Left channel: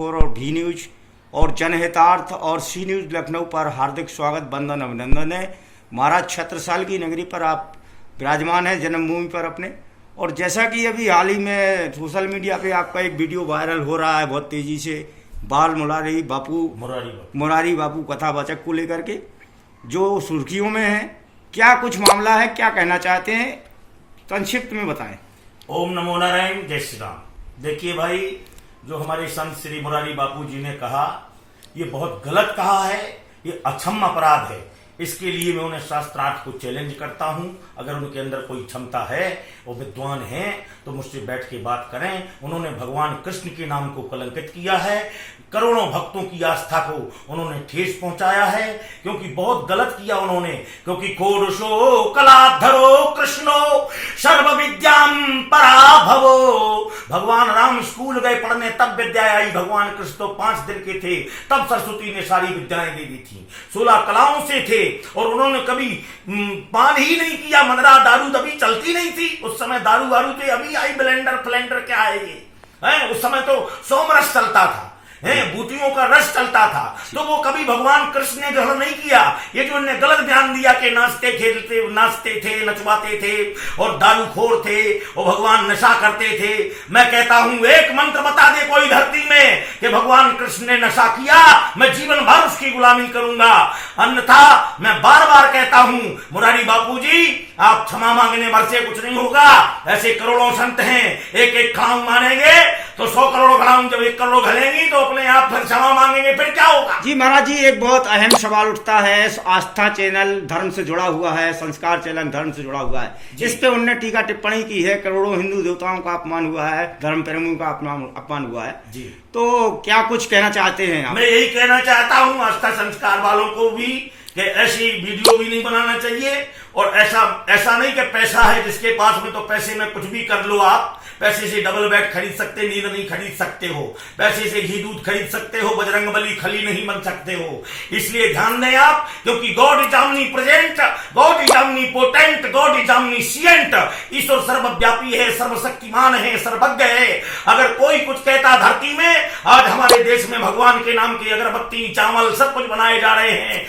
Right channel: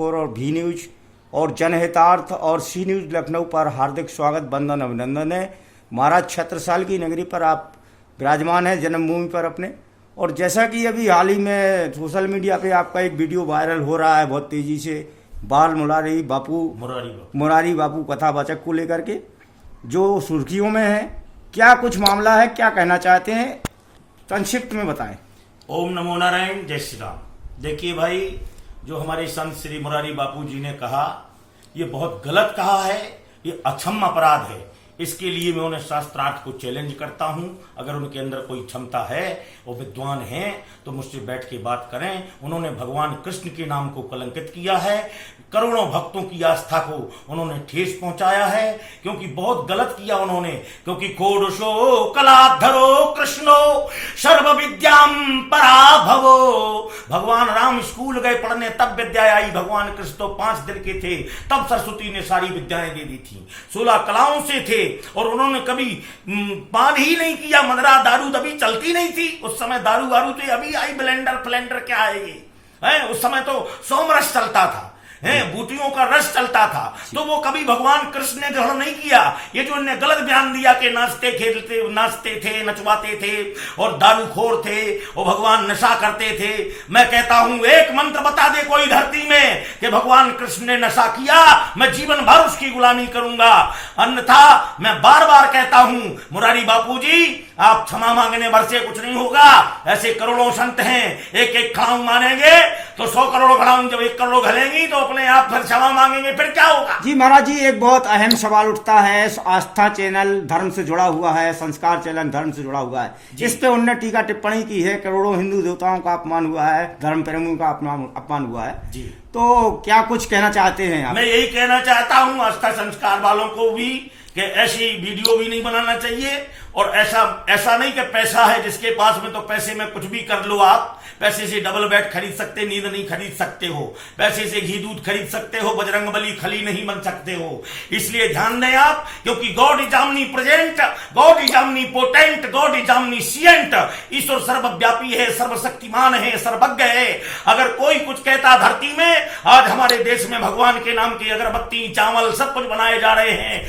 और D news और जनहितार्थ और सी न्यूज लखनऊ पर हार्दिक स्वागत, वंदन, अभिनंदन है। महाराज छत्रसाल की नगरी पर आप विराजमान हैं, जन्मभूमि पर अपने। और जैसा कि अभी हाल ही में सोशल मीडिया पे आपका एक वीडियो वायरल हो रहा है बहुत तेजी से, बाल मुरारी बापू कथावाचक को लेकर के जो सुर्खियों में है, क्या कुछ मामला है, क्या कहना चाहते हैं, संक्षिप्त में बताएं। ओम नमो नारायण, जय श्री राम। देखिए भाई, जो हमारे संत श्री मुरारी बापू जी ने कहा, ये बहुत गलत कहा है, ये अक्षम्य अपराध है। इसके लिए मैं उन्हें शास्त्रार्थ को चैलेंज करता हूं। अगर उनके अंदर कोई क्षमता है, वो विद्वान हैं, तो मुझसे बैठ के बात करें। उन्होंने भगवान कृष्ण के नाम को कलंकित किया है, करोड़ों भक्तों की आस्था को उन्होंने ठेस पहुंचाया है, क्योंकि बहुत गलत किया उन्होंने। क्योंकि कोडशो कलाधरो कृष्णो सर्व विद्याम पराभवो। भगवान राम स्कूल गए पढ़ने, तब विद्या आई। भगवान कृष्ण तो 5 दिन के थे, तब सरस्वती ने सारी विद्याएं दे दी थी। 16 कलाओं से थे, और उन्होंने कभी पान ही नहीं किया। मदरा दारू तभी चलती नहीं थी, उस समय दारू वारू थे। अभी आई ब्लेंडर फ्लेंडर, क्या आएगी? उस समय तो सोमरस चलता था, बूटियों का रस चलता था। तो वो कभी भगवान कृष्ण ने ग्रहण नहीं किया। ये जो इन्हें गलत ध्यान दिया कि नाचते थे, नचवाते थे और दारूखोर थे और भगवान नशा करते थे। मैं कहता हूं, एक मंत्र बता दे कोई धरती में कि भगवान कृष्ण ने नशा किया, मैं जीवन भर उसकी गुलामी करूंगा। अन्यथा मैं बार बार कहता हूं, मुरारी बापू जी, आप क्षमा मांगने भर से कुछ नहीं होगा। ऐसे करोड़ों संत हैं, एक एक खड़ाऊ मानेंगे तो 100 करोड़ खड़ाऊ, जब 1 करोड़ घलेंगी तो अपने आप फिर क्षमा मांगेंगे, फिर क्या होगा? जी महाराज जी, एक बहुत अहम सवाल उठता है। आस्था चैनल धर्म से जुड़ा हुआ है, संस्कार चैनल धर्म से जुड़ा हुआ है। इस पे उन्होंने टीका टिप्पणी की है, करोड़ों हिंदू देवताओं का अपमान हुआ है, धर्म प्रेमियों का अपमान हुआ है जी। तो क्या कुछ कहना चाहते हैं आप? मैं यही कहना चाहता हूँ आस्था संस्कार वालों को भी कि ऐसी वीडियो भी नहीं बनाना चाहिए। और ऐसा नहीं कि पैसा है जिसके पास में तो पैसे में कुछ भी कर लो। आप पैसे से डबल बेड खरीद सकते, नींद नहीं खरीद सकते हो। पैसे से घी दूध खरीद सकते हो, बजरंगबली खली नहीं बन सकते हो। इसलिए ध्यान दें आप, क्योंकि God is omnipresent, God is omnipotent, God is omniscient. ईश्वर सर्वव्यापी है, सर्वशक्तिमान है, सर्वज्ञ है। अगर कोई कुछ कहता धरती में, आज हमारे देश में भगवान के नाम की अगरबत्ती, चावल सब कुछ बनाए जा रहे हैं,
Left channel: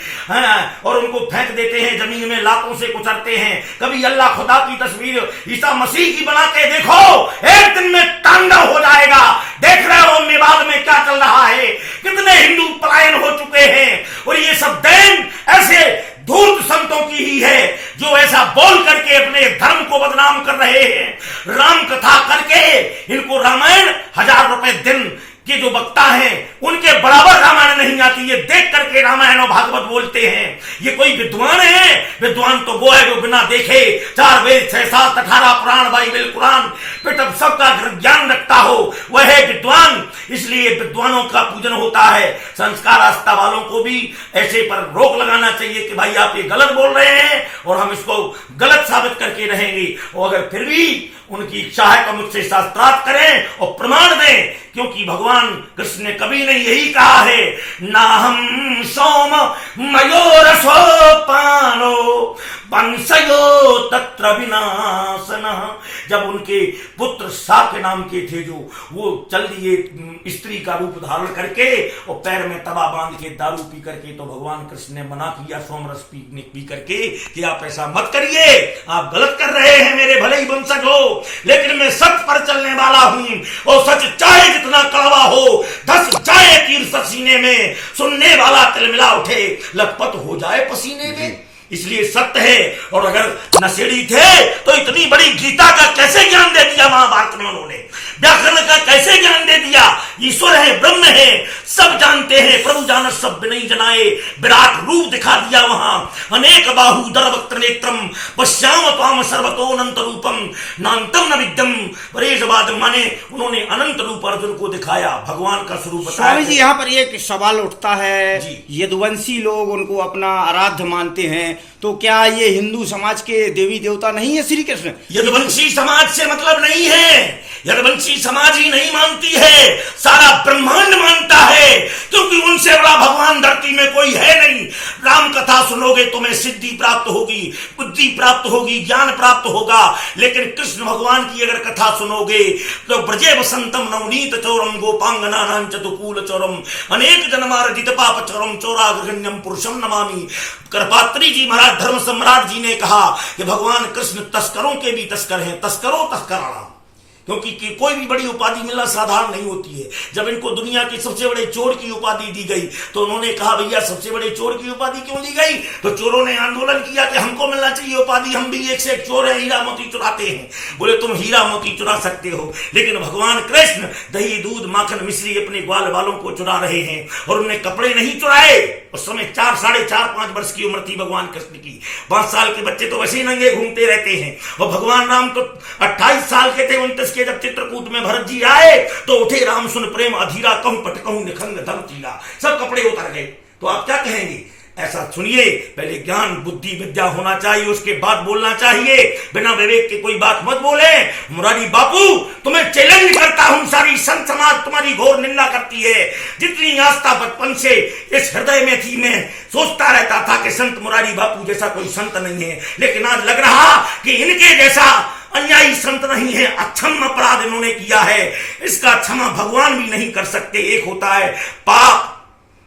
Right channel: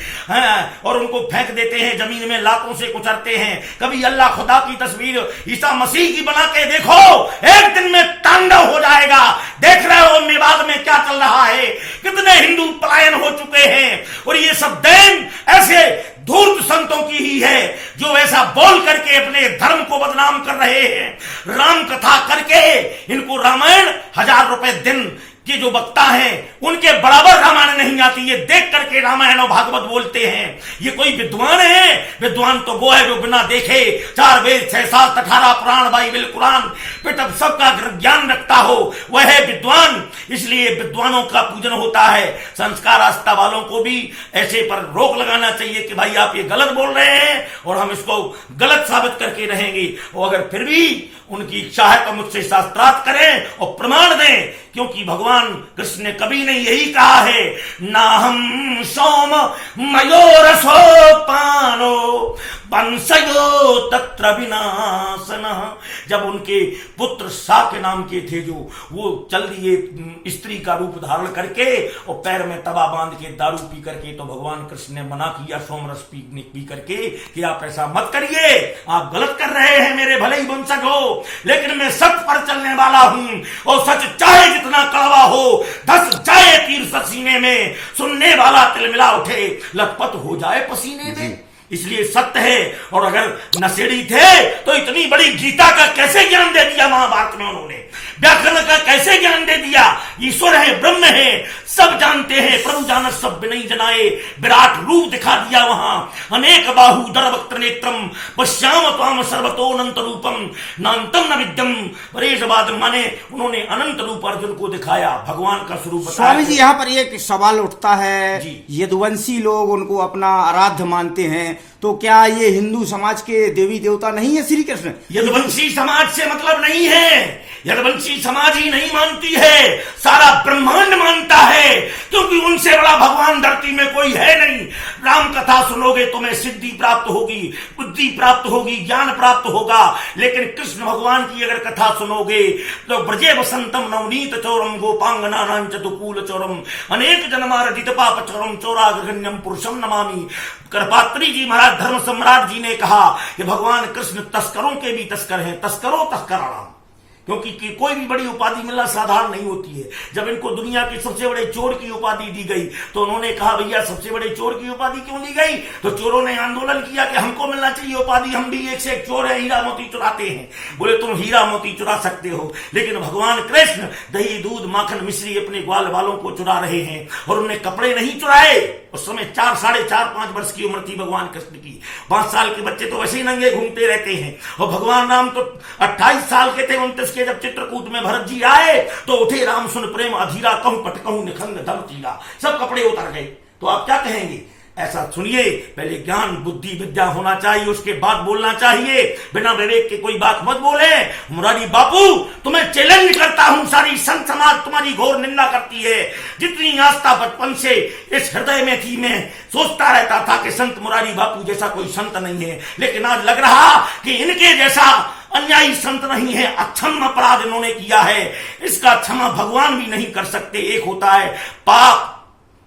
और उनको फेंक देते हैं जमीन में, लातों से कुचलते हैं। कभी अल्लाह खुदा की तस्वीर ईसा मसीह की बना के देखो, एक दिन में तांडव हो जाएगा। देख रहे हो मेवाड़ में क्या चल रहा है, कितने हिंदू पलायन हो चुके हैं। और ये सब देन ऐसे धूर्त संतों की ही है, जो ऐसा बोल करके अपने धर्म को बदनाम कर रहे हैं। राम कथा करके इनको रामायण 1000 रुपए दिन कि जो वक्ता हैं उनके बराबर रामायण नहीं आती। ये देख करके रामायण और भागवत बोलते हैं। ये कोई विद्वान है? विद्वान तो वो है जो बिना देखे 4 वेद 6 शास्त्र 18 पुराण बाइबल कुरान पिटअप सबका ज्ञान रखता हो, वह है विद्वान। इसलिए विद्वानों का पूजन होता है। संस्कार आस्था वालों को भी ऐसे पर रोक लगाना चाहिए कि भाई आप ये गलत बोल रहे हैं और हम इसको गलत साबित करके रहेंगे। और अगर फिर भी उनकी इच्छा है तो मुझसे शास्त्रार्थ करें और प्रमाण दें, क्योंकि भगवान कृष्ण ने कभी नहीं यही कहा है, ना हम सोम मयोरसोपानो वंशयो तत्र विनाशन। जब उनके पुत्र साके नाम के थे, जो वो चल दिए स्त्री का रूप धारण करके और पैर में तवा बांध के दारू पी करके, तो भगवान कृष्ण ने मना किया सोमरस पी करके कि आप ऐसा मत करिए, आप गलत कर रहे हैं, मेरे भले ही वंशज हो, लेकिन मैं सत्य पर चलने वाला हूं। और सच चाहे जितना कड़वा हो, 10 जाए तीर सीने में, सुनने वाला तिलमिला उठे, लथपथ हो जाए पसीने में। इसलिए सत्य है। और अगर नशेड़ी थे तो इतनी बड़ी गीता का कैसे ज्ञान दे दिया महाभारत में उन्होंने, व्याकरण का कैसे ज्ञान दे दिया। ईश्वर है, ब्रह्म है, सब जानते हैं, प्रभु जानत सब नहीं जनाए, विराट रूप दिखा दिया वहां। अनेक बाहु दरवक्त्र नेत्रम पश्याम पाम सर्वतो अनंत रूपम नान्तम न विद्यम परेशवाद। माने उन्होंने अनंत रूप अर्जुन को दिखाया, भगवान का स्वरूप बताया। स्वामी जी, यहाँ पर एक सवाल उठता है, यदुवंशी लोग उनको अपना आराध्य मानते हैं, तो क्या ये हिंदू समाज के देवी देवता नहीं है श्री कृष्ण? यदुवंशी समाज से मतलब नहीं है, यदुवंशी समाज ही नहीं मानती है, सारा ब्रह्मांड मानता है, क्योंकि उनसे बड़ा भगवान धरती में कोई है नहीं। राम कथा सुनोगे तुम्हें सिद्धि प्राप्त होगी, बुद्धि प्राप्त होगी, ज्ञान प्राप्त होगा। लेकिन कृष्ण भगवान की अगर कथा सुनोगे तो ब्रजे वसंतम नवनीत चौरम गोपांगना चतुकूल चौरम अनेक जन्मार्जित पाप चौरम चौरागण्यम पुरुषम नमामि। करपात्री जी महाराज धर्म सम्राट जी ने कहा कि भगवान कृष्ण तस्करों के भी तस्कर हैं, तस्करों तस्कराणाम। क्योंकि कोई भी बड़ी उपाधि मिलना साधारण नहीं होती है। जब इनको दुनिया के सबसे बड़े चोर की उपाधि दी गई तो उन्होंने कहा भैया सबसे बड़े चोर की उपाधि क्यों दी गई? तो चोरों ने आंदोलन किया कि हमको मिलना चाहिए उपाधि, हम भी एक से एक चोर है, हीरा मोती चुराते हैं। बोले तुम हीरा मोती चुरा सकते हो, लेकिन भगवान कृष्ण दही दूध माखन मिश्री अपने ग्वाल वालों को चुरा रहे हैं। और उन्होंने कपड़े नहीं चुराए। उस समय 4, 4.5, 5 वर्ष की उम्र थी भगवान कृष्ण की। 5 साल के बच्चे तो वैसे ही नंगे घूमते रहते हैं। और भगवान राम तो 28 साल के थे 29 के जब चित्रकूट में भरत जी आए तो उठे राम सुन प्रेम अधीरा कहूं पटकहूं निखंग धम तीरा, सब कपड़े उतर गए। तो आप क्या कहेंगे? ऐसा सुनिए, पहले ज्ञान बुद्धि विद्या होना चाहिए, उसके बाद बोलना चाहिए। बिना विवेक के कोई बात मत बोले। मुरारी बापू तुम्हें चैलेंज करता हूं, सारी संत समाज तुम्हारी घोर निंदा करती है। जितनी आस्था बचपन से इस हृदय में थी, मैं सोचता रहता था कि संत मुरारी बापू जैसा कोई संत नहीं है, लेकिन आज लग रहा कि इनके जैसा अन्यायी संत नहीं है। अक्षम अपराध इन्होंने किया है, इसका क्षमा भगवान भी नहीं कर सकते। एक होता है पाप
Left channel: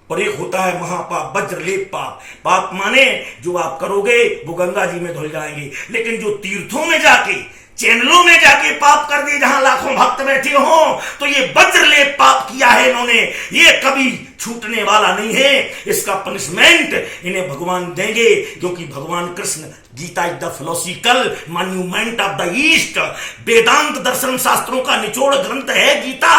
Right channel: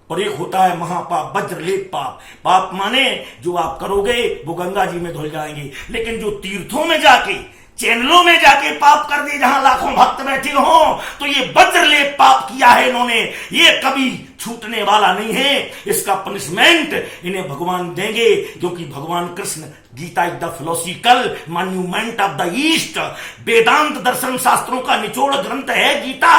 और एक होता है महापाप, वज्रलेप पाप। पाप माने जो आप करोगे वो गंगा जी में धुल जाएंगे, लेकिन जो तीर्थों में जाके चैनलों में जाके पाप कर दिए, जहां लाखों भक्त बैठे हो, तो ये वज्रलेप पाप किया है इन्होंने। ये कभी छूटने वाला नहीं है। इसका पनिशमेंट इन्हें भगवान देंगे, क्योंकि भगवान Krishna Gita is the philosophical monument of the east. वेदांत दर्शन शास्त्रों का निचोड़ ग्रंथ है गीता।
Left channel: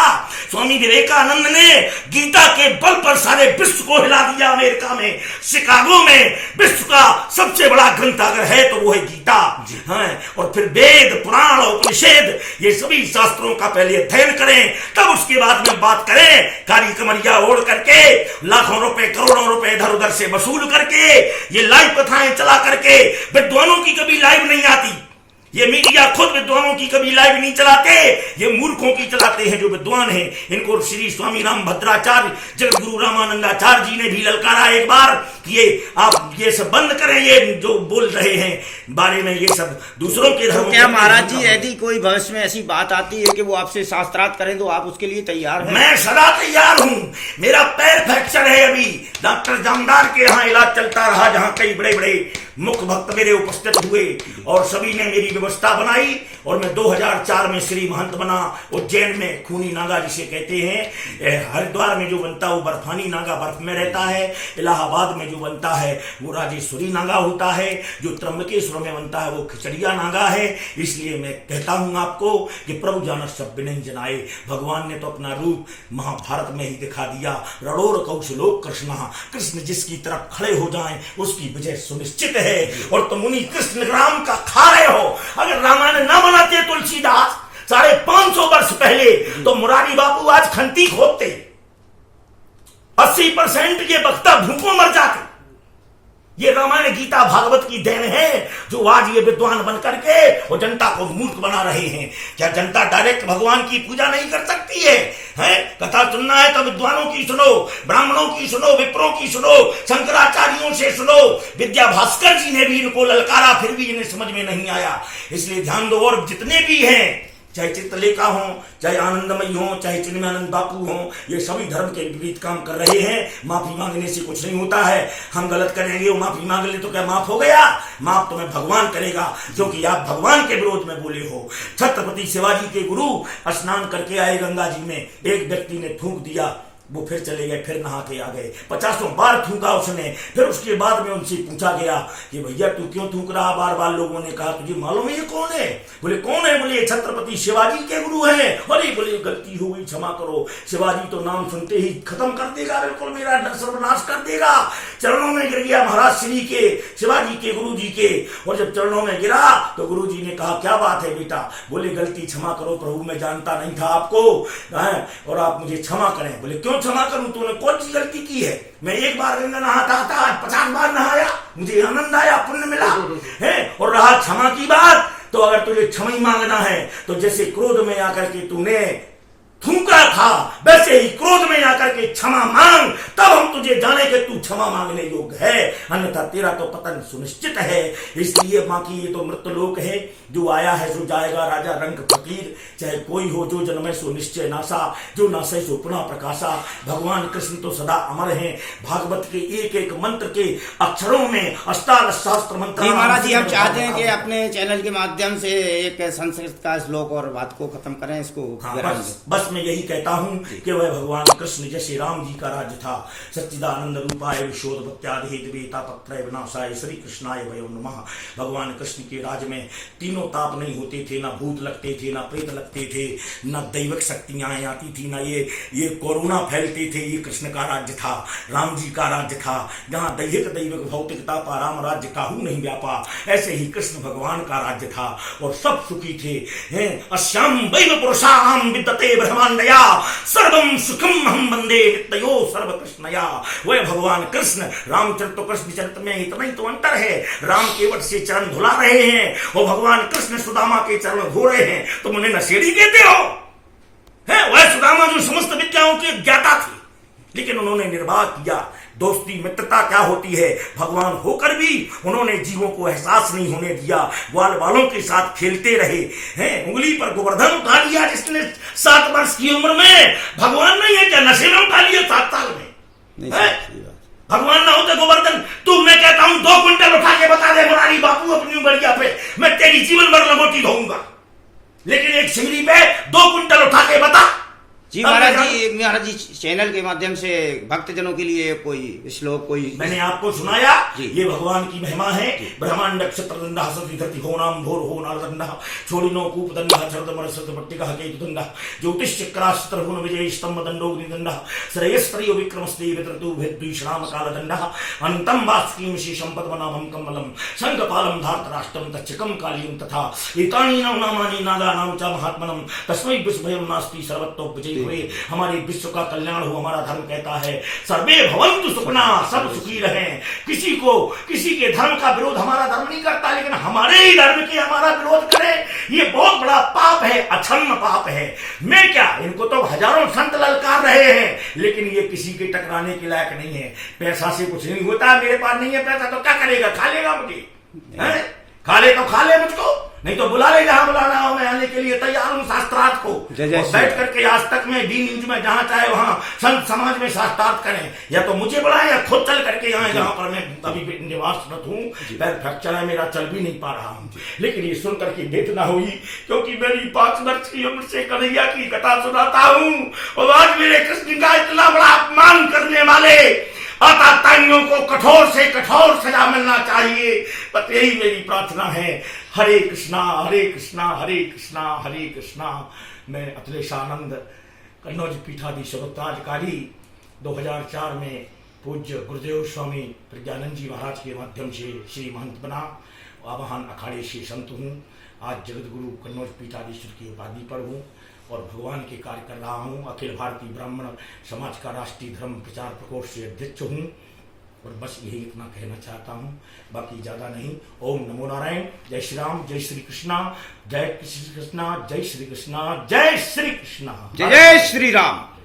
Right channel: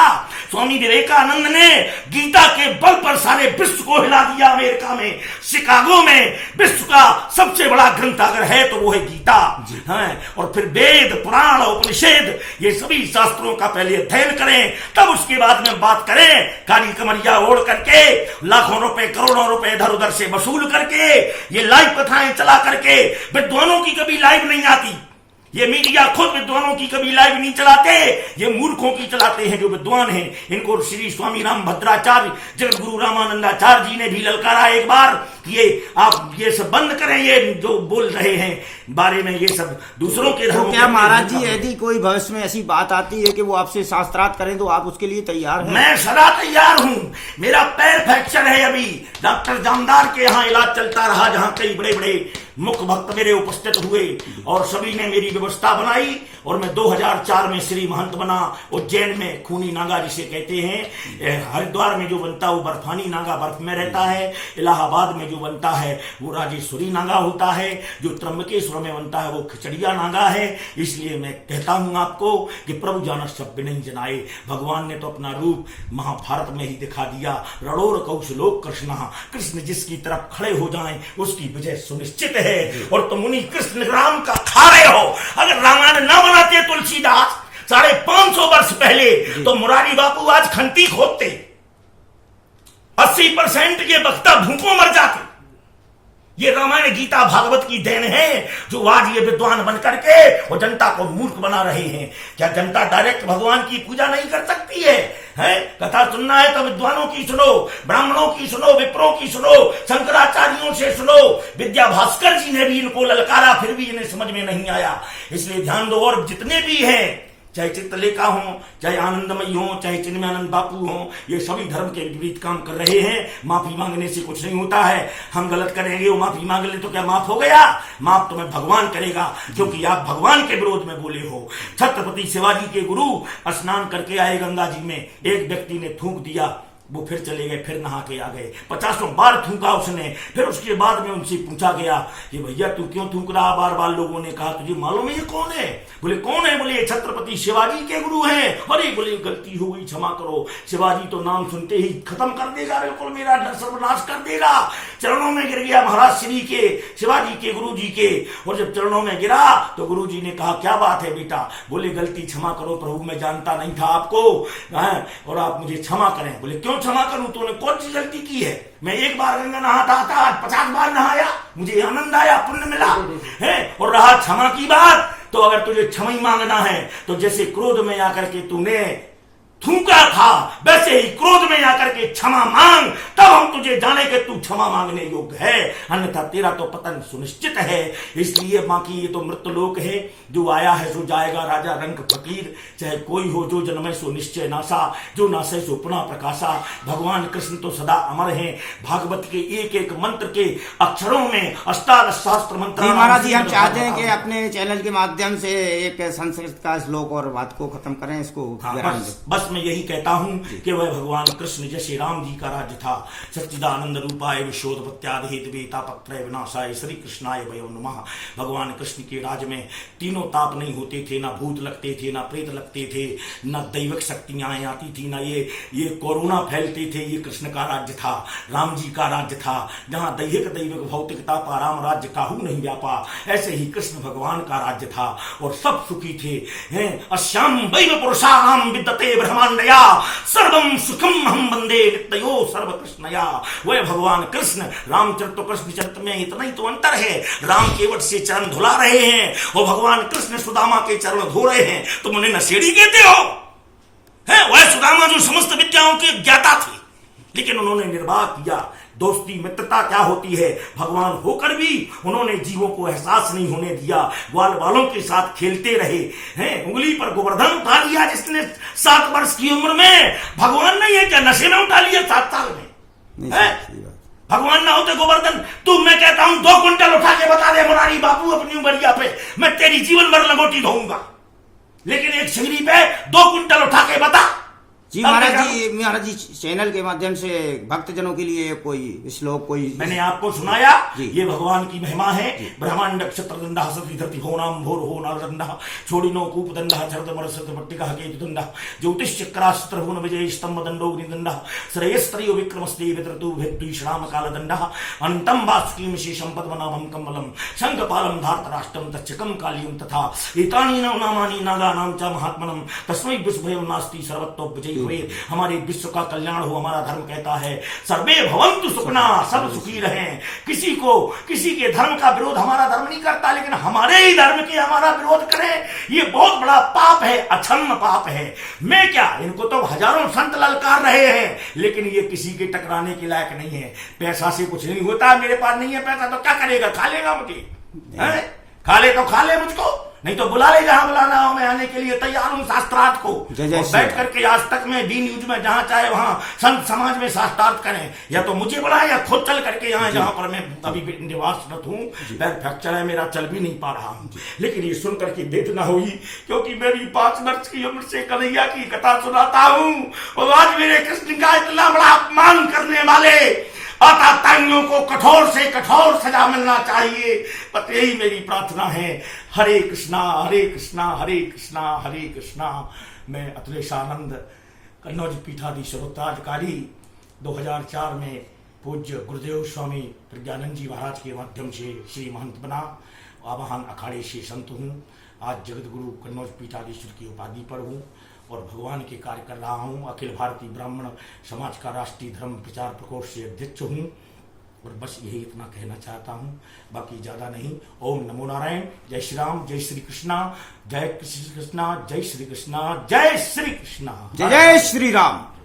स्वामी विवेकानंद ने गीता के बल पर सारे विश्व को हिला दिया। अमेरिका में शिकागो में विश्व का सबसे बड़ा ग्रंथ अगर है तो वो है गीता। हाँ, और फिर वेद पुराण उपनिषद ये सभी शास्त्रों का पहले अध्ययन करें, तब उसके बाद में बात करें। कारी कमरिया ओढ़ करके लाखों रुपए करोड़ों रुपए इधर उधर से वसूल करके ये लाइव कथाएं चला करके विद्वानों की कभी लाइव नहीं आती। ये मीडिया खुद विद्वानों की कभी लाइव नहीं चलाते, ये मूर्खों की चलाते हैं जो विद्वान हैं। इनको श्री स्वामी राम भद्राचार्य जगत गुरु रामानंदाचार्य जी ने भी ललकारा एक बार कि ये आप ये सब बंद करें, ये जो बोल रहे हैं बारे में, ये सब दूसरों के धर्म। क्या महाराज जी यदि कोई भविष्य में ऐसी बात आती है कि वो आपसे शास्त्रार्थ करें तो आप उसके लिए तैयार हैं? मैं सदा तैयार हूं। मेरा पैर फ्रैक्चर है, अभी डॉक्टर जामदार के यहाँ इलाज चलता रहा, जहां कई बड़े बड़े मुख्य भक्त मेरे उपस्थित हुए और सभी ने मेरी व्यवस्था बनाई। और मैं 2004 में श्री महंत बना। उज्जैन में खूनी नागा जिसे कहते हैं, हरिद्वार में जो बनता है वो बर्फानी नागा बर्फ में रहता है, इलाहाबाद में जो बनता है वो राजेश्वरी नागा होता है, जो त्र्यंबकेश्वर में बनता है वो खिचड़िया नागा है। इसलिए मैं कहता हूं आपको कि प्रभु जानत सब नहीं जनाए। भगवान ने तो अपना रूप महाभारत में ही दिखा दिया। रणोर कौशलोक कृष्ण जिसकी तरफ खड़े हो जाएं उसकी विजय सुनिश्चित है। और तुम मुनि कृष्ण राम का खा रहे हो। अगर रामायण न बनाते तुलसीदास 550 वर्ष पहले तो मुरारी बापू आज खंती खोदते, 80% ये वक्ता भूखों मर जाते। ये रामायण गीता भागवत की देन है जो आज ये विद्वान बन करके और जनता को मूर्ख बना रहे हैं। क्या जनता डायरेक्ट भगवान की पूजा नहीं कर सकती है? कथा सुनना है तो विद्वानों की सुनो, ब्राह्मणों की सुनो, विप्रों की सुनो, शंकराचार्यों से सुनो। विद्या भास्कर जी ने भी इनको ललकारा, फिर भी इन्हें समझ में नहीं आया। इसलिए ध्यान दो। और जितने भी हैं, चाहे चित्रलेखा हो, चाहे आनंदमयी हो, चाहे चिन्मयानंद बापू हो, ये सभी धर्म के विपरीत काम कर रहे हैं। माफी मांगने से कुछ नहीं होता है। हम गलत करेंगे, वो माफी मांग ले तो क्या माफ हो गया? माफ तुम्हें भगवान करेगा, क्योंकि आप भगवान के विरोध में बोले हो। छत्रपति शिवाजी के गुरु स्नान करके आए गंगा जी में, एक व्यक्ति ने थूक दिया, वो फिर चले गए, फिर नहा के आ गए। 50 बार थूका उसने। फिर उसके बाद में उनसे पूछा गया कि भैया तू क्यों थूक रहा? बार बार लोगों ने कहा तुझे मालूम है ये कौन है? बोले कौन है? बोले छत्रपति शिवाजी के गुरु हैं। अरे बोले गलती हो गई, क्षमा करो। शिवाजी तो नाम सुनते ही खत्म कर देगा, बिल्कुल मेरा सर्वनाश कर देगा। चरणों में गिर गया महाराज श्री के, शिवाजी के गुरु जी के। और जब चरणों में गिरा तो गुरु जी ने कहा क्या बात है बेटा? बोले गलती क्षमा करो प्रभु, मैं जानता नहीं था आपको और आप मुझे क्षमा करें। बोले क्यों क्षमा करूं? तूने कौन सी गलती की है? मैं एक बार गंगा नहाता था, आज 50 बार नहाया, मुझे आनंद आया, पुण्य मिला है। और रहा क्षमा की बात, तो अगर तुझे क्षमा ही मांगना है तो जैसे क्रोध में आकर के तूने थूका था, वैसे ही क्रोध में आकर के क्षमा मांग, तब हम तुझे जाने के तू क्षमा मांगने योग्य है, अन्यथा तेरा तो पतन सुनिश्चित है। इसलिए बाकी ये तो मृत लोक है, जो आया है सो जाएगा, राजा रंग फकीर चाहे कोई हो, जो जन्मे सो निश्चय नासा, जो नासे सो पुनः प्रकाशा। भगवान कृष्ण तो सदा अमर हैं, भागवत के एक एक मंत्र के अक्षरों में अष्टादश शास्त्र मंत्र। महाराज जी, हम चाहते हैं कि अपने चैनल के माध्यम से एक संस्कृत का श्लोक और बात को खत्म करें, इसको बस मैं यही कहता हूं कि वह भगवान कृष्ण जैसे राम जी का राज्य था, सच्चिदानंद रूपाय विशोधपत्यादि हेतुवेता पत्र विनाशाय श्री कृष्णाय वयो नमः। भगवान कृष्ण के राज में तीनों ताप नहीं होते थे, ना भूत लगते थे, ना प्रेत लगते थे, ना दैविक शक्तियां आती थी, ना ये कोरोना फैलते थे। ये कृष्ण का राज्य था, राम जी का राज्य था, जहां दैहिक दैविक भौतिकता पाराम राज्य काहू नहीं व्यापा। ऐसे ही कृष्ण भगवान का राज्य था और सब सुखी थे। अश्याम वैव पुरुषाणाम विद्यते ब्रह्मांडया सर्वम सुखम हम वंदे नित्यो सर्व कृष्णया। वह भगवान कृष्ण रामचरित कृष्ण चरित्र में इतना ही तो अंतर है, राम केवट से चरण धुला रहे हैं और भगवान कृष्ण सुदामा के चरण धो रहे हैं। तुम उन्हें नशेड़ी कहते हो? है वह सुदामा जो समस्त विद्याओं के ज्ञाता थे, लेकिन उन्होंने निर्वाह किया। दोस्ती मित्रता क्या होती है, भगवान होकर भी उन्होंने जीवों को एहसास नहीं होने दिया, ग्वाल वालों के साथ खेलते रहे हैं। उंगली पर गोवर्धन उठा लिया जिसने 7 वर्ष की उम्र में, भगवान नहीं है क्या? नशे में उठा लिया 7 साल में। भगवान ना होते गोवर्धन, तू मैं कहता हूं 2 क्विंटल उठा के बता दे मुरारी बापू अपनी उमरिया पे, मैं तेरी जीवन भर लंगोटी धोऊंगा, लेकिन एक सीढ़ी पे 2 क्विंटल उठा के बता। जी महाराज जी चैनल के माध्यम से भक्तजनों के लिए कोई श्लोक, कोई मैंने आपको सुनाया, ये भगवान की महिमा है। ब्रह्मांड क्षत्रदंडा सती धरती हो नाम भोर हो नारदंडा छोड़िनो कूपदंडा छरद मरसत पट्टिका केतुदंडा ज्योतिष चक्रास्त्र हुन विजय स्तंभ दंडोग्निदंडा श्रेयस्त्रियो विक्रमस्ते वितरतु भेद्विश्राम कालदंडा अनंतम वासुकीम शेषम पद्मनाभम कमलम शंखपालम धार्तराष्ट्रम तच्चकम कालियम तथा एतानि नामानि नागानां च महात्मनम तस्मै विस्मयं नास्ति सर्वतो विजय हुए। हमारे विश्व का कल्याण हो, हमारा धर्म कहता है सर्वे भवन्तु सुखना, सब सुखी रहें। किसी के धर्म का विरोध हमारा धर्म नहीं करता, लेकिन हमारे ही धर्म के हमारा विरोध करें, ये बहुत बड़ा पाप है, अक्षम्य पाप है। मैं क्या, इनको तो हजारों संत ललकार रहे हैं, लेकिन ये किसी के टकराने के लायक नहीं है। पैसा से कुछ नहीं होता, मेरे पास नहीं है पैसा तो क्या करेगा, खा लेगा मुझे, खा ले तो खा ले मुझको, नहीं तो बुला ले, जहां बुलाना हो मैं आने के लिए तैयार हूं शास्त्रार्थ को। बैठ करके आज तक में डी न्यूज में जहां चाहे वहां संत समाज में शास्त्रार्थ करें, या तो मुझे बुलाएं या खुद चल करके यहाँ जहां पर मैं अभी निवासरत हूं। पैर फ्रैक्चर है मेरा, चल भी नहीं पा रहा हूं, लेकिन ये सुन करके वेदना हुई, क्योंकि मेरी 5 वर्ष की उम्र से कन्हैया की कथा सुनाता हूं और आज मेरे कृष्ण का इतना बड़ा अपमान करने वाले आताताइयों को कठोर से कठोर सजा मिलना चाहिए। पर यही मेरी प्रार्थना है। हरे कृष्णा हरे कृष्णा हरे कृष्णा हरे कृष्णा। मैं अतुलेशानंद कन्नौज पीठाधीश्वरोत्तराधिकारी 2004 में पूज्य गुरुदेव स्वामी प्रज्ञानंद जी महाराज के माध्यम से श्री महंत बना, आवाहन अखाड़े से संत हूँ। आज जगत गुरु कन्नौज पीठाधीश्वर की उपाधि पर हूँ और भगवान के कार्य कर रहा हूँ। अखिल भारतीय ब्राह्मण समाज का राष्ट्रीय धर्म प्रचार प्रकोष्ठ से अध्यक्ष हूँ और बस यही इतना कहना चाहता हूँ, बाकी ज्यादा नहीं। ओम नमो नारायण। जय श्री राम, जय श्री कृष्णा, जय श्री कृष्णा, जय श्री कृष्णा, जय श्री कृष्णा, जय श्री राम।